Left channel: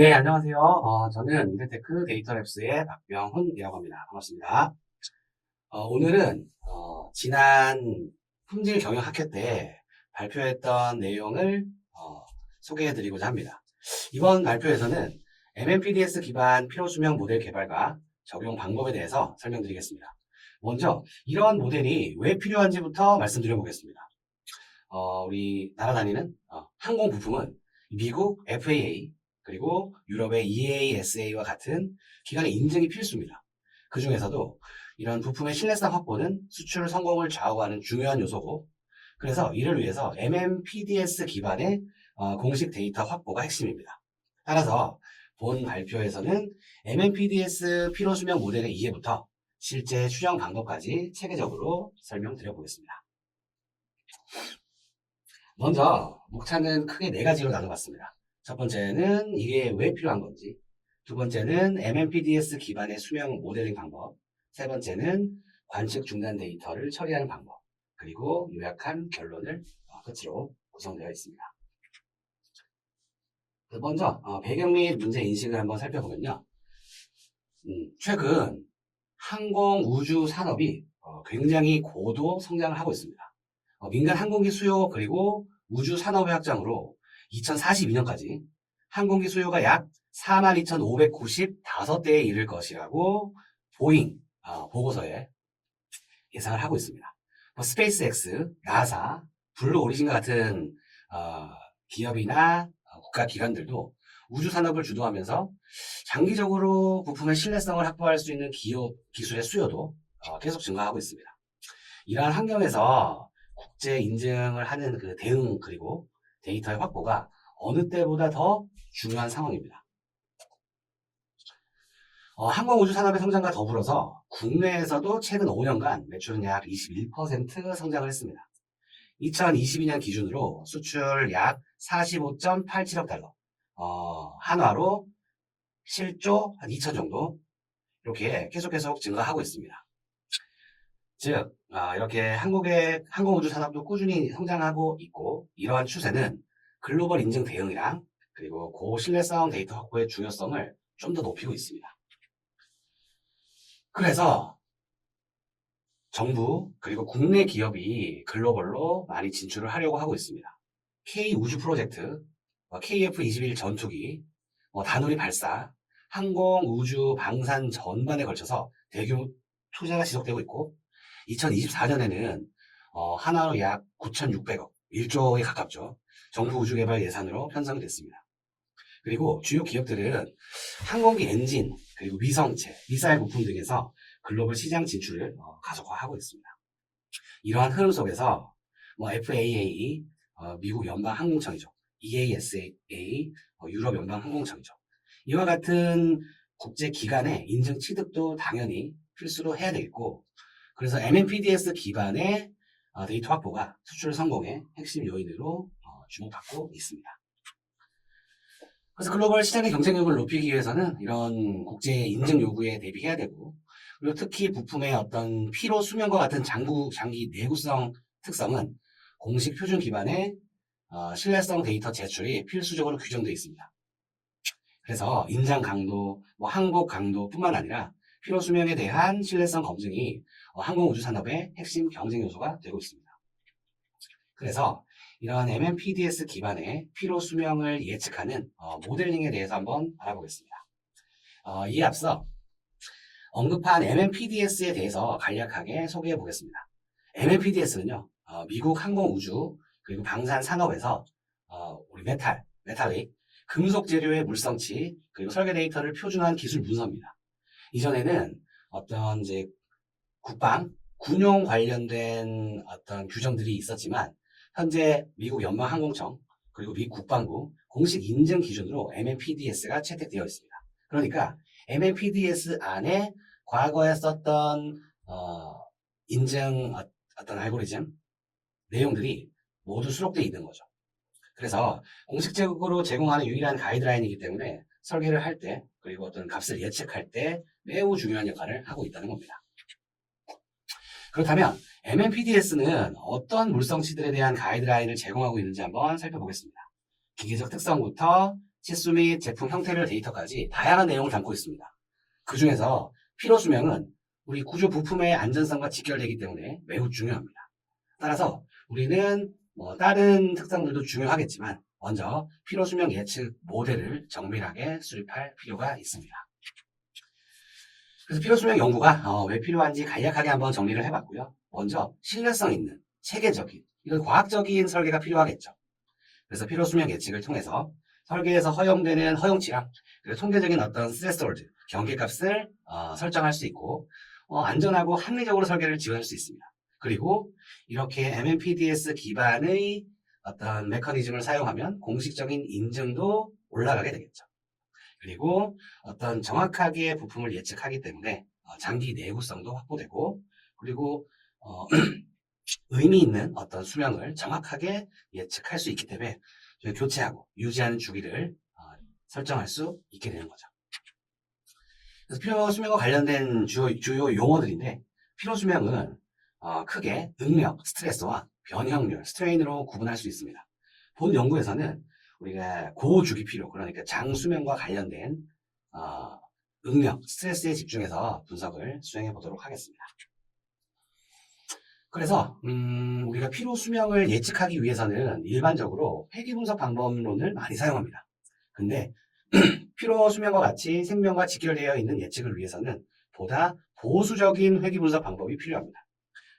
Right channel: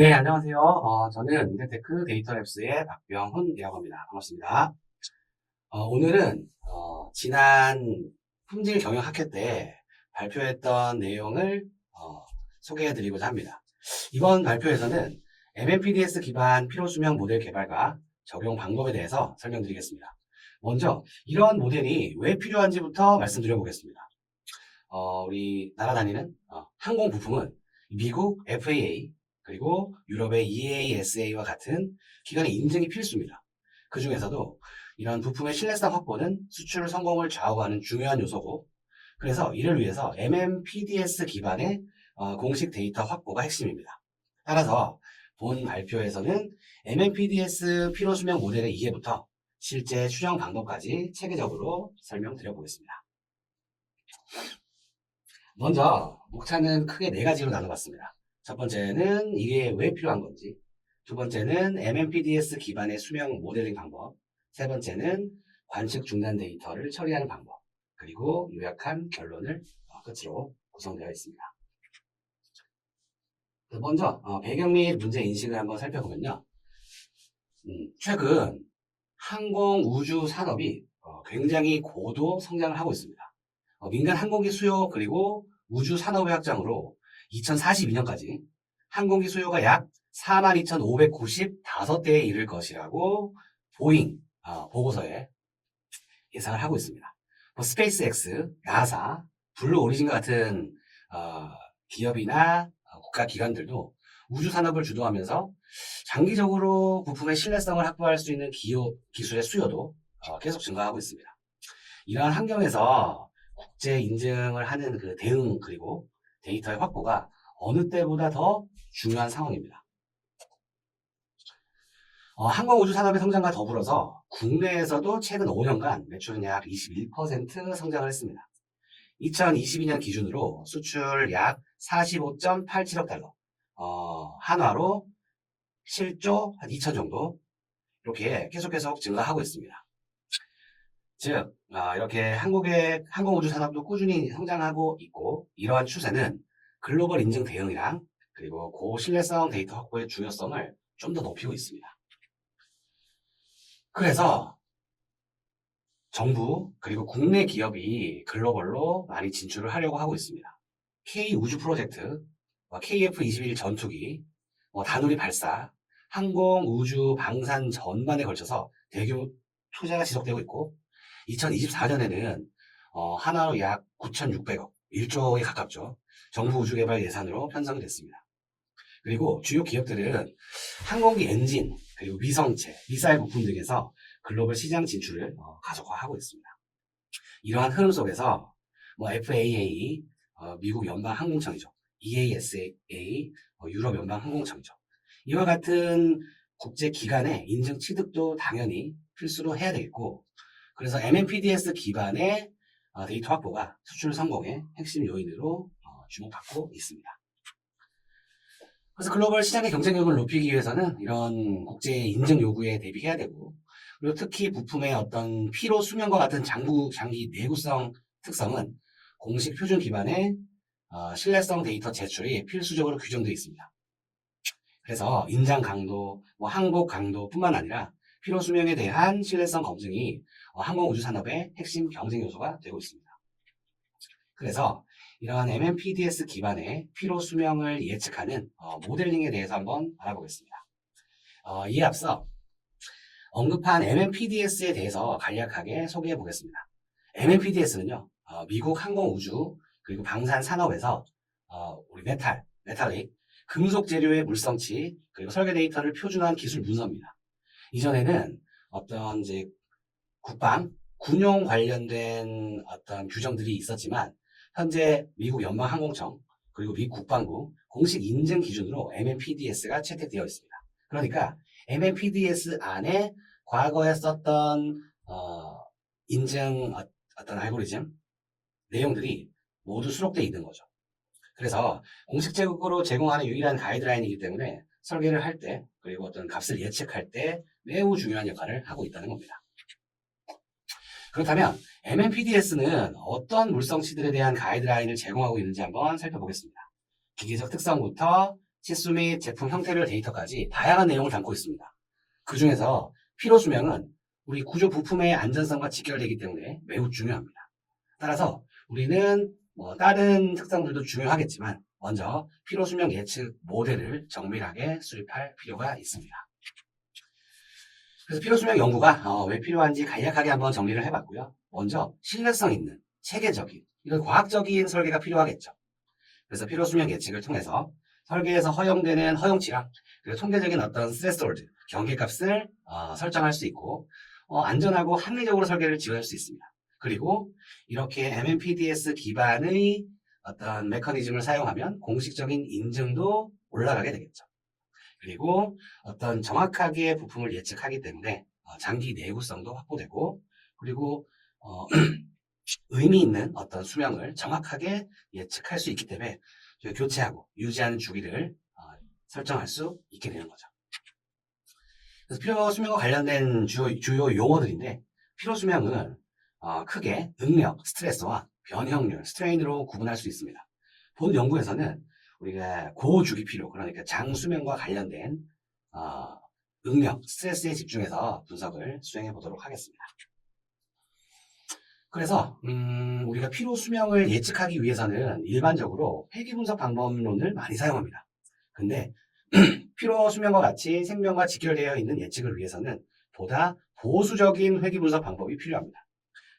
네, 안녕하세요. 저는 이데테크 데이터랩스의 박병훈이라고 합니다. 반갑습니다. 오늘은 지난 품질 경영 학회 때 발표했던 내용을 소개해드리고자 합니다. 이번 발표에서는 MMPDS 기반 필요수명 모델 개발과 적용 방법에 대해서 설명드리겠습니다. 먼저 이런 모델이 왜 필요한지부터 말씀드려보겠습니다. 우리 날아다니는 항공 부품은 미국 FAA 그리고 유럽의 EASA와 같은 기관의 인증이 필수입니다. 그 중에서도 이런 부품의 신뢰성 확보는 수출 성공을 좌우하는 중요한 요소고, 그래서 이를 위해서 MMPDS 기반의 공식 데이터 확보가 핵심입니다. 따라서 본 발표에서는 MMPDS 필요수명 모델의 이해부터 실제 추정 방법까지 체계적으로 설명드려 보겠습니다. 먼저 목차는 크게 네 가지로 나눠봤습니다. 첫 번째는 이게 왜 필요한 건지, 두 번째는 MMPDS 기반의 수명 모델링 방법, 세 번째는 관측 중단 데이터를 처리하는 방법, 그리고 요약한 결론을 끝으로 구성되어 있습니다. 먼저 배경 및 문제 인식을 한번 살펴보면요. 최근 항공 우주 산업이 굉장히 고도 성장을 하고 있습니다. 민간 항공기 수요 그리고 우주 산업의 확장으로 2042년까지 항공기 수요가 약 42,595대에 이를 것이라고 보잉 보고서에 예상을 하고 있습니다. 스페이스X, 나사, 블루 오리진과 같은 기업이나 국가기관들도 우주 산업을 주도하면서 장기적으로 부품의 신뢰성을 확보할 수 있는 기술의 수요도 계속 증가하고 있습니다. 이러한 환경에서 국제 인증을 하는 그 대응 그리고 데이터의 확보가 어느 때보다 더 중요한 상황입니다. 항공우주 산업의 성장과 더불어서 국내에서도 최근 5년간 매출은 약 21% 성장을 했습니다. 2022년 기준으로 수출 약 45.87억 달러, 한화로 7조 한 2천 정도 이렇게 계속 증가하고 있습니다. 즉 이렇게 한국의 항공우주 산업도 꾸준히 성장하고 있고, 이러한 추세는 글로벌 인증 대응이랑 그리고 고신뢰성 데이터 확보의 중요성을 좀 더 높이고 있습니다. 그래서 정부 그리고 국내 기업이 글로벌로 많이 진출을 하려고 하고 있습니다. K우주 프로젝트, KF-21 전투기, 다누리 발사, 항공, 우주, 방산 전반에 걸쳐서 대규모 투자가 지속되고 있고, 2024년에는 하나로 약 9,600억, 1조에 가깝죠. 정부 우주개발 예산으로 편성이 됐습니다. 그리고 주요 기업들은 항공기 엔진, 그리고 위성체, 미사일 부품 등에서 글로벌 시장 진출을 가속화하고 있습니다. 이러한 흐름 속에서 FAA, 미국 연방항공청이죠. EASA, 유럽 연방항공청이죠. 이와 같은 국제기관의 인증 취득도 당연히 필수로 해야 되겠고, 그래서 MMPDS 기반의 데이터 확보가 수출 성공의 핵심 요인으로 주목받고 있습니다. 그래서 글로벌 시장의 경쟁력을 높이기 위해서는 이런 국제 인증 요구에 대비해야 되고, 그리고 특히 부품의 어떤 피로 수명과 같은 장기 내구성 특성은 공식 표준 기반의 신뢰성 데이터 제출이 필수적으로 규정되어 있습니다. 그래서 인장 강도, 항복 강도뿐만 아니라 피로 수명에 대한 신뢰성 검증이 항공우주 산업의 핵심 경쟁 요소가 되고 있습니다. 그래서 이러한 MMPDS 기반의 피로 수명을 예측하는 모델링에 대해서 한번 알아보겠습니다. 이에 앞서 언급한 MMPDS에 대해서 간략하게 소개해 보겠습니다. MMPDS는요, 미국 항공우주 그리고 방산 산업에서 우리 메탈릭, 금속 재료의 물성치 그리고 설계 데이터를 표준화한 기술 문서입니다. 이전에는 어떤 이제 군용 관련된 어떤 규정들이 있었지만, 현재 미국 연방항공청 그리고 미 국방부 공식 인증 기준으로 MMPDS가 채택되어 있습니다. 그러니까 MMPDS 안에 과거에 썼던 인증 어떤 알고리즘 내용들이 모두 수록되어 있는 거죠. 그래서 공식적으로 제공하는 유일한 가이드라인이기 때문에 설계를 할 때 그리고 어떤 값을 예측할 때 매우 중요한 역할을 하고 있다는 겁니다. 그렇다면 MMPDS는 어떤 물성치들에 대한 가이드라인을 제공하고 있는지 한번 살펴보겠습니다. 기계적 특성부터 치수 및 제품 형태별 데이터까지 다양한 내용을 담고 있습니다. 그 중에서 피로 수명은 우리 구조 부품의 안전성과 직결되기 때문에 매우 중요합니다. 따라서 우리는 다른 특성들도 중요하겠지만 먼저 피로 수명 예측 모델을 정밀하게 수립할 필요가 있습니다. 그래서 피로 수명 연구가 왜 필요한지 간략하게 한번 정리를 해봤고요. 먼저 신뢰성 있는 체계적인 이런 과학적인 설계가 필요하겠죠. 그래서 피로 수명 예측을 통해서 설계에서 허용되는 허용치랑 그리고 통계적인 어떤 스레스홀드 경계값을 설정할 수 있고 안전하고 합리적으로 설계를 지원할 수 있습니다. 그리고 이렇게 MMPDS 기반의 어떤 메커니즘을 사용하면 공식적인 인증도 올라가게 되겠죠. 그리고 어떤 정확하게 부품을 예측하기 때문에 장기 내구성도 확보되고 그리고 의미 있는 어떤 수명을 정확하게 예측할 수 있기 때문에 교체하고 유지하는 주기를 설정할 수 있게 되는 거죠. 그래서 피로 수명과 관련된 주요 용어들인데 피로 수명은 크게 응력, 스트레스와 변형률, 스트레인으로 구분할 수 있습니다. 본 연구에서는 우리가 고주기 피로, 그러니까 장수명과 관련된 응력, 스트레스에 집중해서 분석을 수행해 보도록 하겠습니다. 그래서 우리가 피로 수명을 예측하기 위해서는 일반적으로 회귀 분석 방법론을 많이 사용합니다. 근데 피로 수명과 같이 생명과 직결되어 있는 예측을 위해서는 보다 보수적인 회귀 분석 방법이 필요합니다.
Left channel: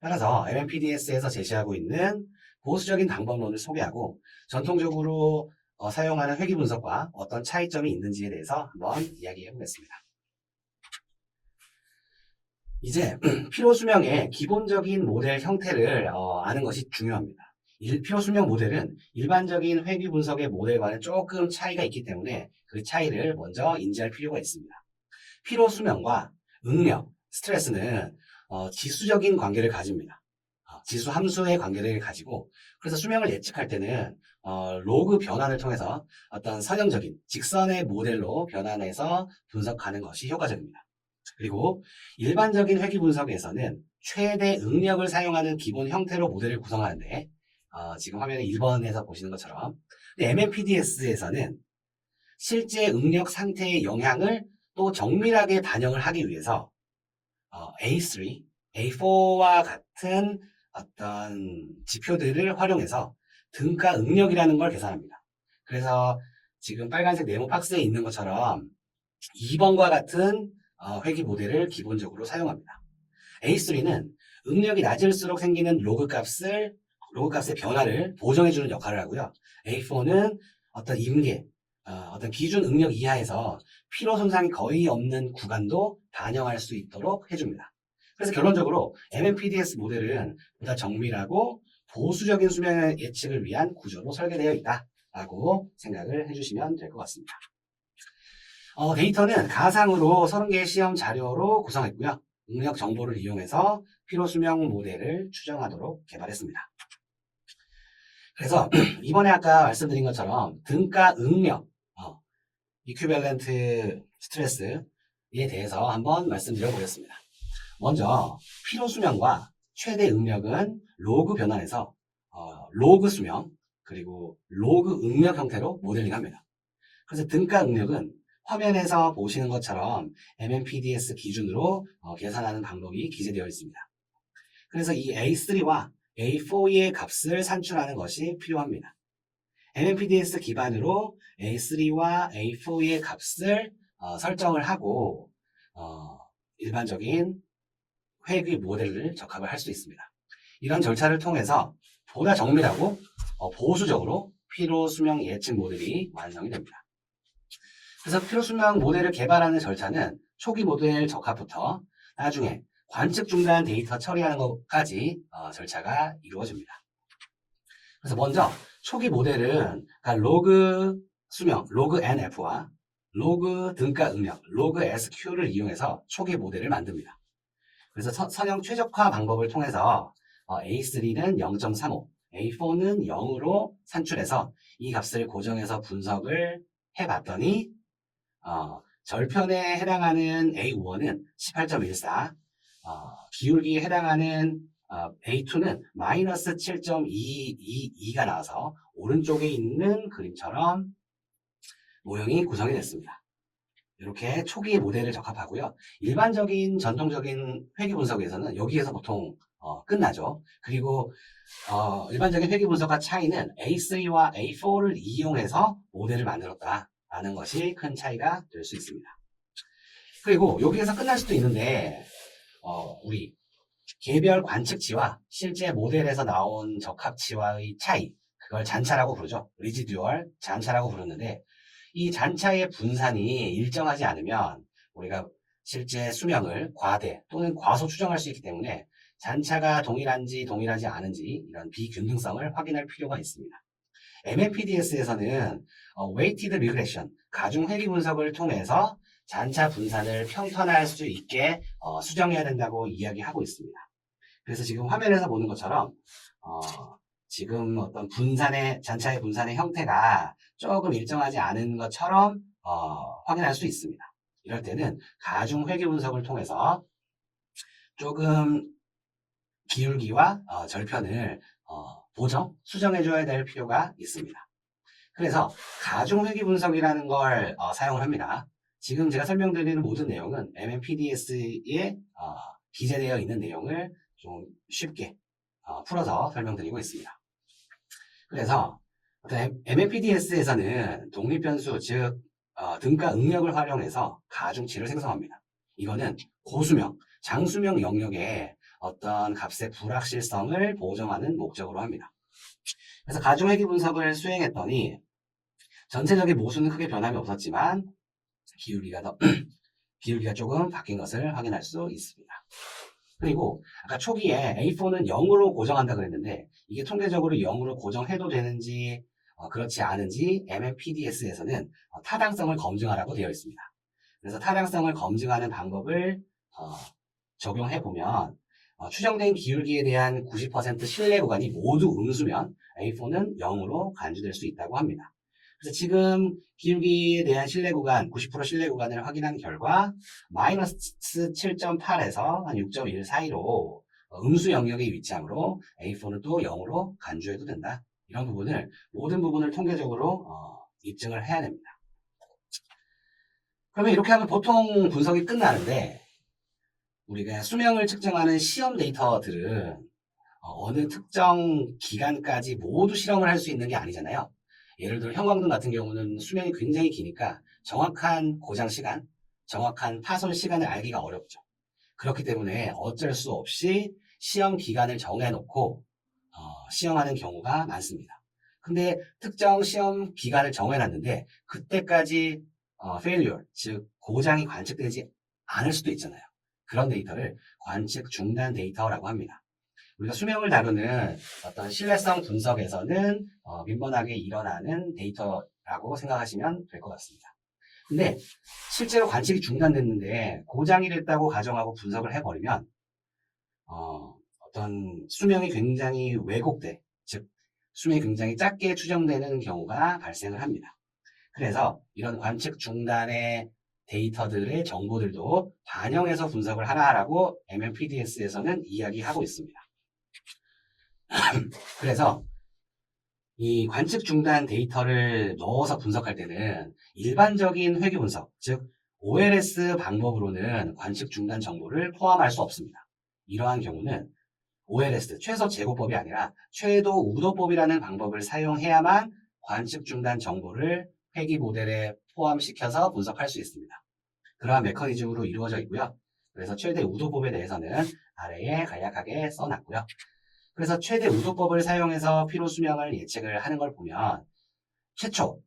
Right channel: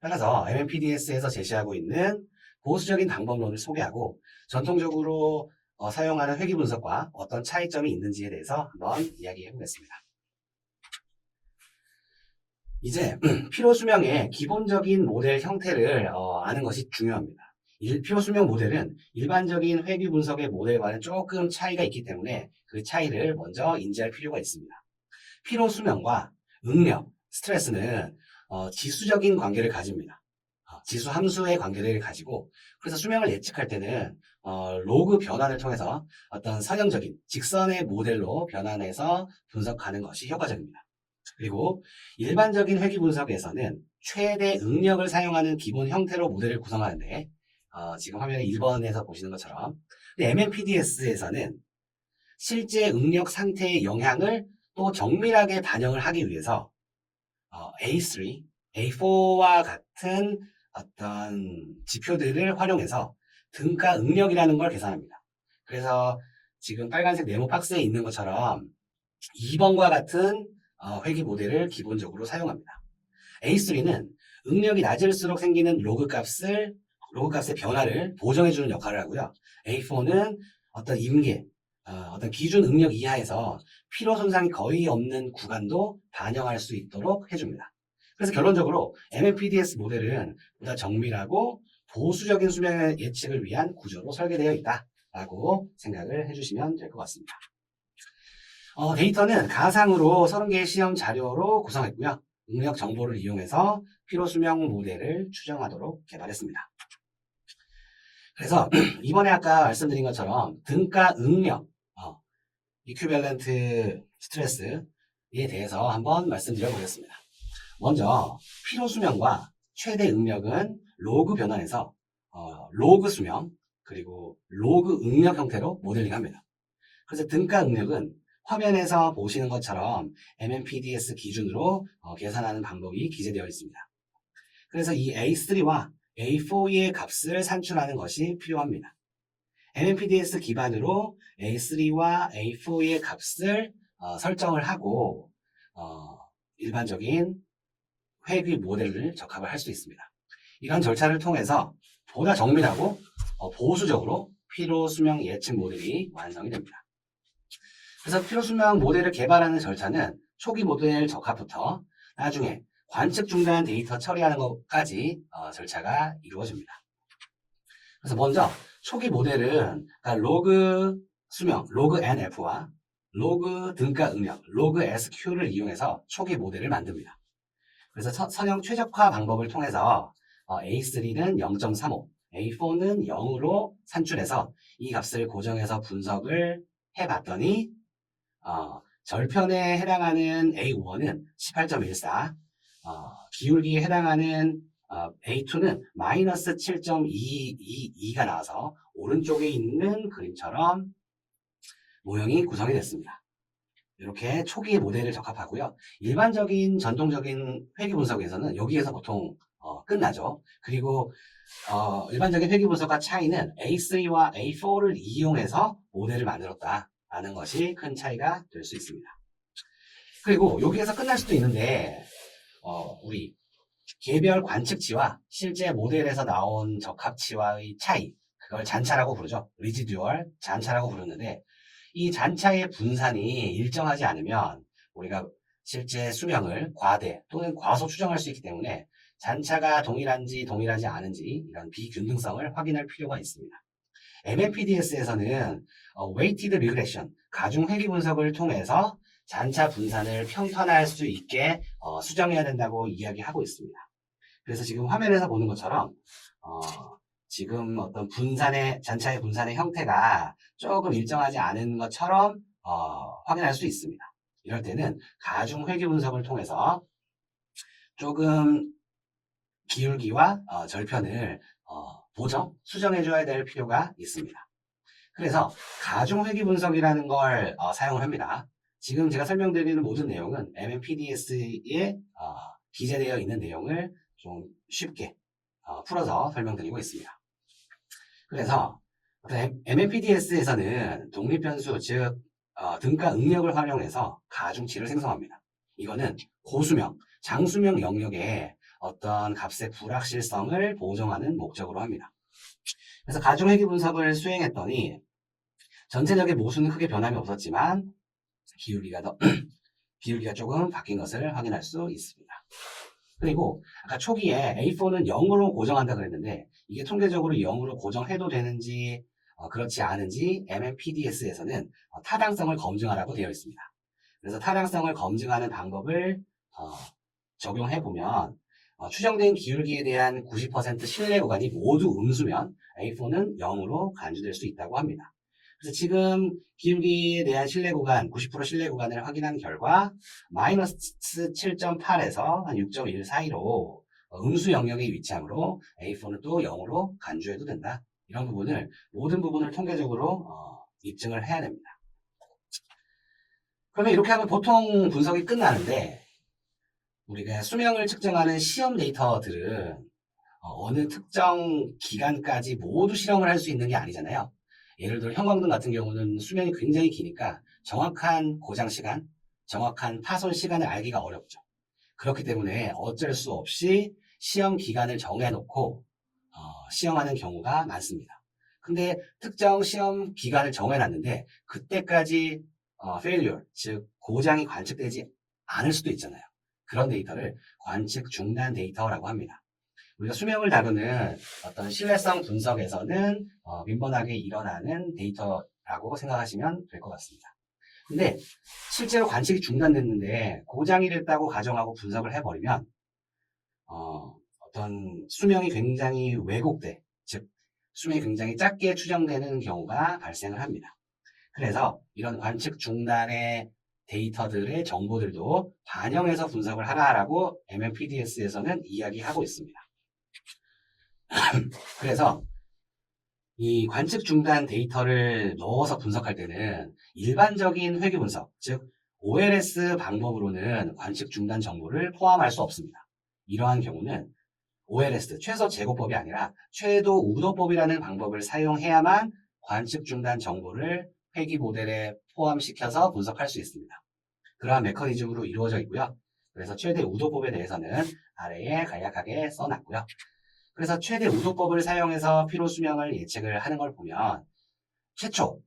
따라서 MMPDS에서 제시하고 있는 보수적인 방법론을 소개하고 전통적으로 사용하는 회귀 분석과 어떤 차이점이 있는지에 대해서 한번 이야기해 보겠습니다. 이제 피로 수명의 기본적인 모델 형태를 아는 것이 중요합니다. 피로 수명 모델은 일반적인 회귀 분석의 모델과는 조금 차이가 있기 때문에 그 차이를 먼저 인지할 필요가 있습니다. 피로 수명과 응력, 스트레스는 지수적인 관계를 가집니다. 지수 함수의 관계를 가지고 그래서 수명을 예측할 때는 로그 변환을 통해서 어떤 선형적인 직선의 모델로 변환해서 분석하는 것이 효과적입니다. 그리고 일반적인 회귀 분석에서는 최대 응력을 사용하는 기본 형태로 모델을 구성하는데 지금 화면에 1번에서 보시는 것처럼 MMPDS에서는 실제 응력 상태의 영향을 또 정밀하게 반영을 하기 위해서 A3, A4와 같은 어떤 지표들을 활용해서 등가 응력이라는 걸 계산합니다. 그래서 지금 빨간색 네모 박스에 있는 것처럼 2번과 같은 회귀 모델을 기본적으로 사용합니다. A3는 응력이 낮을수록 생기는 로그 값의 변화를 보정해주는 역할을 하고요. A4는 어떤 임계, 어떤 기준 응력 이하에서 피로 손상이 거의 없는 구간도 반영할 수 있도록 해줍니다. 그래서 결론적으로 MMPDS 모델은 보다 정밀하고 보수적인 수명의 예측을 위한 구조로 설계되어 있다라고 생각을 해주시면 될 것 같습니다. 데이터는 가상으로 30개의 시험 자료로 구성했고요. 응력 정보를 이용해서 피로 수명 모델을 추정하도록 개발했습니다. 그래서 이번에 아까 말씀드린 것처럼 등가 응력, 이퀴밸런트 스트레스에 대해서 한번 말씀드려 보겠습니다. 먼저 피로 수명과 최대 응력은 로그 변환에서 로그 수명 그리고 로그 응력 형태로 모델링합니다. 그래서 등가 응력은 화면에서 보시는 것처럼 MMPDS 기준으로 계산하는 방법이 기재되어 있습니다. 그래서 이 A3와 A4의 값을 산출하는 것이 필요합니다. MMPDS 기반으로 A3와 A4의 값을 설정을 하고 일반적인 회귀 모델을 적합을 할 수 있습니다. 이런 절차를 통해서 보다 정밀하고 보수적으로 피로 수명 예측 모델이 완성이 됩니다. 그래서 피로 수명 모델을 개발하는 절차는 초기 모델 적합부터 나중에 관측 중단 데이터 처리하는 것까지 절차가 이루어집니다. 그래서 먼저 초기 모델은 로그 수명, 로그 NF와 로그 등가 응력, 로그 SQ를 이용해서 초기 모델을 만듭니다. 그래서 선형 최적화 방법을 통해서 A3는 0.35, A4는 0으로 산출해서 이 값을 고정해서 분석을 해봤더니 절편에 해당하는 A1은 18.14, 기울기에 해당하는 A2는 마이너스 7.222가 나와서 오른쪽에 있는 그림처럼 모형이 구성이 됐습니다. 이렇게 초기의 모델을 적합하고요. 일반적인 전통적인 회귀 분석에서는 여기에서 보통 끝나죠. 그리고 일반적인 회귀 분석과 차이는 A3와 A4를 이용해서 모델을 만들었다라는 것이 큰 차이가 될 수 있습니다. 그리고 여기에서 끝날 수도 있는데 우리 개별 관측치와 실제 모델에서 나온 적합치와의 차이, 그걸 잔차라고 부르죠. 리지듀얼 잔차라고 부르는데, 이 잔차의 분산이 일정하지 않으면 우리가 실제 수명을 과대 또는 과소 추정할 수 있기 때문에 잔차가 동일한지 동일하지 않은지 이런 비균등성을 확인할 필요가 있습니다. MMPDS에서는 Weighted Regression, 가중 회귀 분석을 통해서 잔차 분산을 평탄화할 수 있게 수정해야 된다고 이야기하고 있습니다. 그래서 지금 화면에서 보는 것처럼 지금 어떤 잔차의 분산의 형태가 조금 일정하지 않은 것처럼 확인할 수 있습니다. 이럴 때는 가중 회귀 분석을 통해서 조금 기울기와 절편을 수정해줘야 될 필요가 있습니다. 그래서 가중 회귀 분석이라는 걸 사용을 합니다. 지금 제가 설명드리는 모든 내용은 MMPDS에 기재되어 있는 내용을 좀 쉽게 풀어서 설명드리고 있습니다. 그래서 MMPDS에서는 독립변수, 즉 등가 응력을 활용해서 가중치를 생성합니다. 이거는 고수명, 장수명 영역에 어떤 값의 불확실성을 보정하는 목적으로 합니다. 그래서 가중회귀 분석을 수행했더니 전체적인 모수는 크게 변함이 없었지만 기울기가 조금 바뀐 것을 확인할 수 있습니다. 그리고 아까 초기에 A4는 0으로 고정한다 그랬는데 이게 통계적으로 0으로 고정해도 되는지 그렇지 않은지 MMPDS에서는 타당성을 검증하라고 되어 있습니다. 그래서 타당성을 검증하는 방법을 적용해보면 추정된 기울기에 대한 90% 신뢰 구간이 모두 음수면 A4는 0으로 간주될 수 있다고 합니다. 그래서 지금 기울기에 대한 신뢰 구간, 90% 신뢰 구간을 확인한 결과 마이너스 7.8에서 한 6.1 사이로 음수 영역에 위치하므로 A4는 또 0으로 간주해도 된다. 이런 부분을 모든 부분을 통계적으로 입증을 해야 됩니다. 그러면 이렇게 하면 보통 분석이 끝나는데 우리가 수명을 측정하는 시험 데이터들은 어느 특정 기간까지 모두 실험을 할 수 있는 게 아니잖아요. 예를 들어 형광등 같은 경우는 수명이 굉장히 기니까 정확한 고장 시간, 정확한 파손 시간을 알기가 어렵죠. 그렇기 때문에 어쩔 수 없이 시험 기간을 정해놓고 시험하는 경우가 많습니다. 근데 특정 시험 기간을 정해놨는데 그때까지 failure, 즉 고장이 관측되지 않을 수도 있잖아요. 그런 데이터를 관측 중단 데이터라고 합니다. 우리가 수명을 다루는 어떤 신뢰성 분석에서는 민번하게 일어나는 데이터라고 생각하시면 될 것 같습니다. 근데 실제로 관측이 중단됐는데 고장이 됐다고 가정하고 분석을 해버리면 어떤 수명이 굉장히 왜곡돼, 즉 수명이 굉장히 작게 추정되는 경우가 발생을 합니다. 그래서 이런 관측 중단의 데이터들의 정보들도 반영해서 분석을 하라라고 MMPDS에서는 이야기하고 있습니다. 그래서 이 관측 중단 데이터를 넣어서 분석할 때는 일반적인 회귀 분석, 즉 OLS 방법으로는 관측 중단 정보를 포함할 수 없습니다. 이러한 경우는 OLS, 최소 제고법이 아니라 최도 우도법이라는 방법을 사용해야만 관측 중단 정보를 회귀 모델에 포함시켜서 분석할 수 있습니다. 그러한 메커니즘으로 이루어져 있고요. 그래서 최대 우도법에 대해서는 아래에 간략하게 써놨고요. 그래서 최대 우도법을 사용해서 피로 수명을 예측을 하는 걸 보면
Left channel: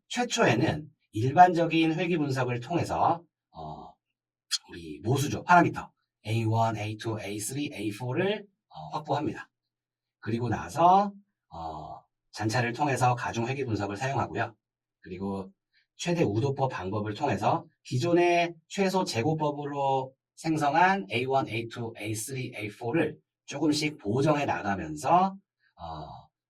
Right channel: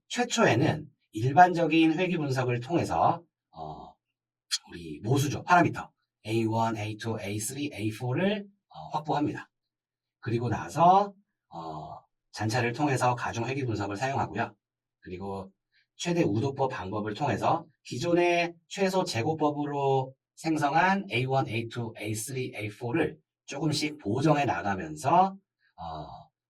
최초에는 일반적인 회귀 분석을 통해서 우리 모수죠. 파라미터 A1, A2, A3, A4를 확보합니다. 그리고 나서 잔차를 통해서 가중 회귀 분석을 사용하고요. 그리고 최대 우도법 방법을 통해서 기존의 최소 제고법으로 생성한 A1, A2, A3, A4를 조금씩 보정해 나가면서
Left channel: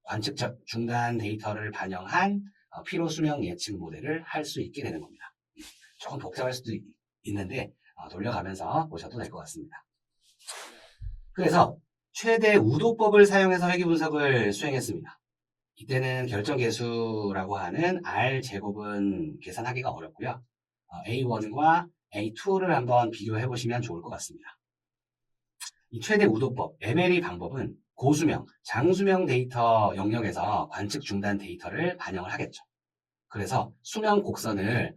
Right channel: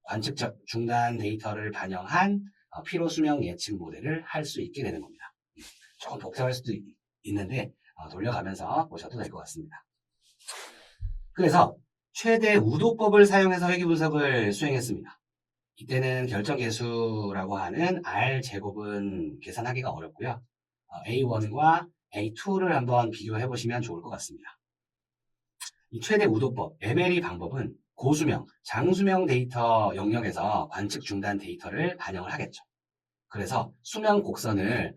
관측 중단 데이터를 반영한 피로 수명 예측 모델을 할 수 있게 되는 겁니다. 조금 복잡할 수도 있는데 돌려가면서 보셔도 될 것 같습니다. 그래서 최대 우도법을 사용해서 회귀 분석을 수행했습니다. 이때는 결정계수라고 하는 R제곱은 계산하기가 어렵고요. A1과 A2를 한번 비교해 보시면 좋을 것 같습니다. 이 최대 우도법, MLE 방법은 고수명, 장수명 데이터 영역에서 관측 중단 데이터를 반영을 하겠죠. 그래서 수명 곡선을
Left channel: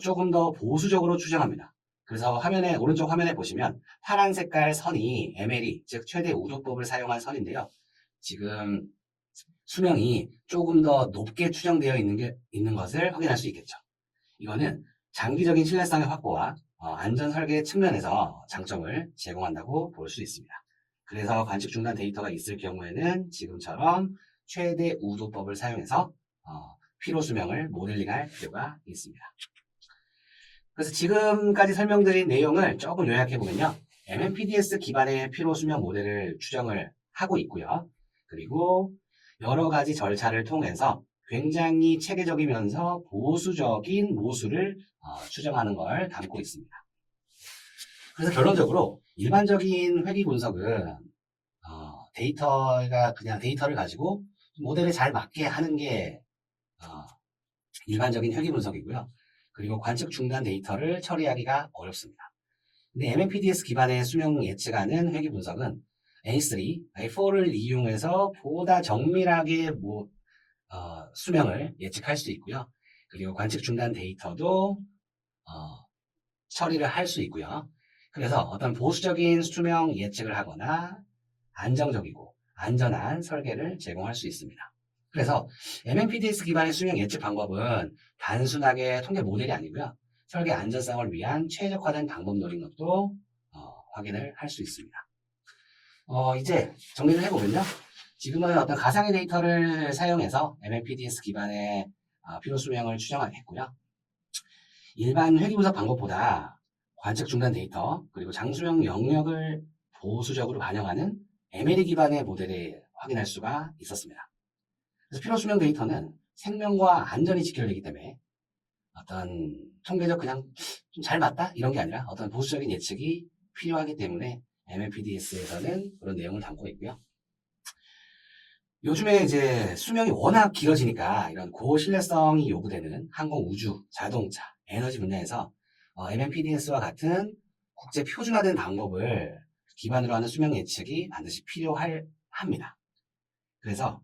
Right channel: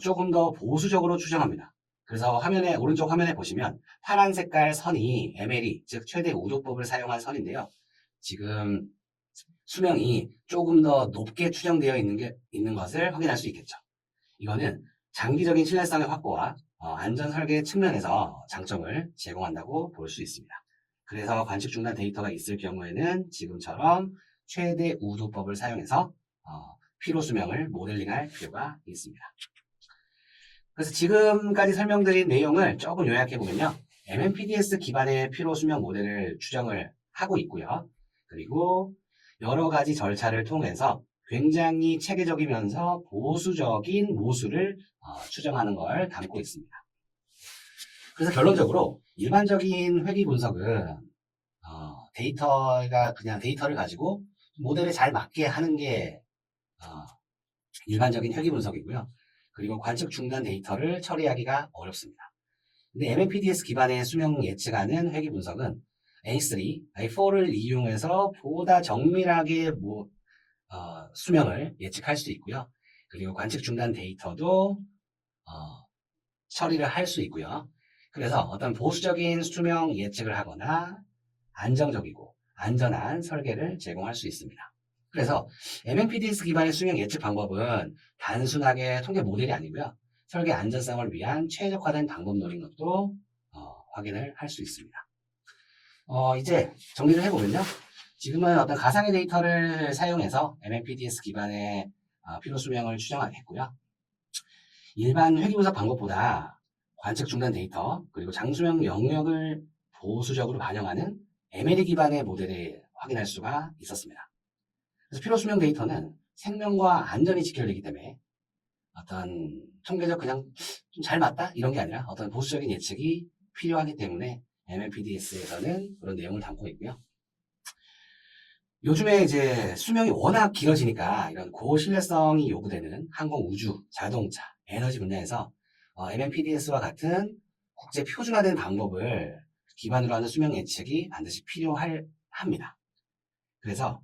조금 더 보수적으로 추정합니다. 그래서 오른쪽 화면에 보시면 파란 색깔 선이 MLE, 즉 최대 우도법을 사용한 선인데요. 지금 수명이 조금 더 높게 추정되어 있는 것을 확인할 수 있겠죠. 이거는 장기적인 신뢰성의 확보와 안전 설계 측면에서 장점을 제공한다고 볼 수 있습니다. 그래서 관측 중단 데이터가 있을 경우에는 지금처럼 최대 우도법을 사용해서 피로 수명을 모델링할 필요가 있습니다. 그래서 지금까지 설명드린 내용을 조금 요약해 보면요. MMPDS 기반의 피로 수명 모델을 추정을 하고 있고요. 그리고 여러 가지 절차를 통해서 굉장히 체계적이면서 보수적인 모수를 추정하는 걸 담고 있습니다. 그래서 결론적으로 일반적인 회귀 분석은 데이터가 그냥 데이터를 가지고 모델에 잘 맞게 하는 게 일반적인 회귀 분석이고요. 그리고 관측 중단 데이터를 처리하기가 어렵습니다. 근데 MMPDS 기반의 수명 예측하는 회귀 분석은 A3, A4를 이용해서 보다 정밀하게 수명을 예측할 수 있고요. 그리고 관측 중단 데이터도 처리를 할 수 있고요. 그래서 어떤 보수적인 수명 예측을 하거나 안정적이고 안전한 설계를 제공할 수 있습니다. 그래서 MMPDS 기반의 수명 예측 방법은 단순하게 통계 모델이 아니고요. 설계 안전성을 위한 최적화된 방법 노린 것도 확인을 할 수 있습니다. 이제 정리를 해보면요. 지금은 어떤 가상의 데이터를 사용해서 MMPDS 기반의 피로 수명을 추정하겠고요. 일반 회귀분석 방법보다 관측 중단 데이터 그리고 장수명 영역을 보수적으로 반영하는 MLE 기반의 모델을 확인할 수가 있었습니다. 그래서 피로 수명 데이터는 생명과 안전이 직결되기 때문에 어떤 통계적 그냥 좀 잘 맞다 이런 게 아니라 어떤 보수적인 예측이 필요하기 때문에 MMPDS에서는 그런 내용을 담고 있고요. 요즘에 이제 수명이 워낙 길어지니까 이런 고신뢰성이 요구되는 항공, 우주, 자동차, 에너지 분야에서 MMPDS와 같은 국제 표준화된 방법을 기반으로 하는 수명 예측이 반드시 필요합니다. 그래서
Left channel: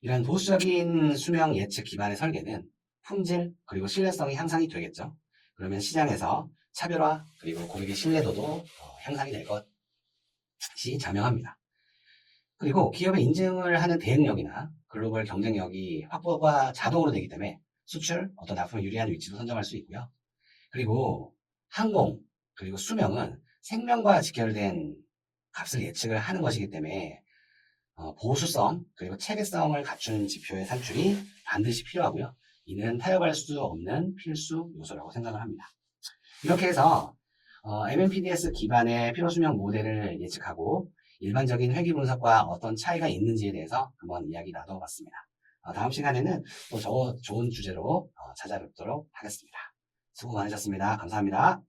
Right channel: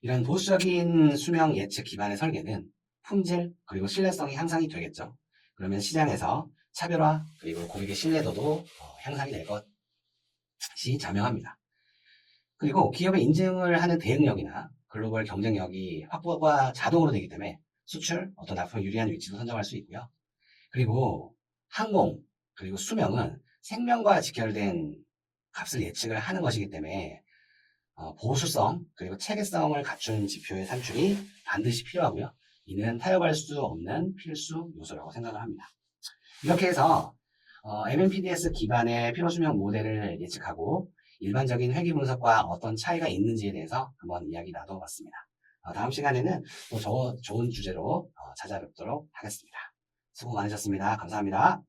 이런 보수적인 수명 예측 기반의 설계는 품질 그리고 신뢰성이 향상이 되겠죠. 그러면 시장에서 차별화 그리고 고객의 신뢰도도 향상이 될 것이 자명합니다. 그리고 기업의 인증을 하는 대응력이나 글로벌 경쟁력이 확보가 자동으로 되기 때문에 수출, 어떤 납품에 유리한 위치도 선정할 수 있고요. 그리고 항공, 그리고 수명은 생명과 직결된 값을 예측을 하는 것이기 때문에 보수성, 그리고 체계성을 갖춘 지표의 산출이 반드시 필요하고요. 이는 타협할 수 없는 필수 요소라고 생각을 합니다. 이렇게 해서 MMPDS 기반의 피로수명 모델을 예측하고 일반적인 회귀 분석과 어떤 차이가 있는지에 대해서 한번 이야기 나눠봤습니다. 다음 시간에는 또 좋은 주제로 찾아뵙도록 하겠습니다. 수고 많으셨습니다. 감사합니다.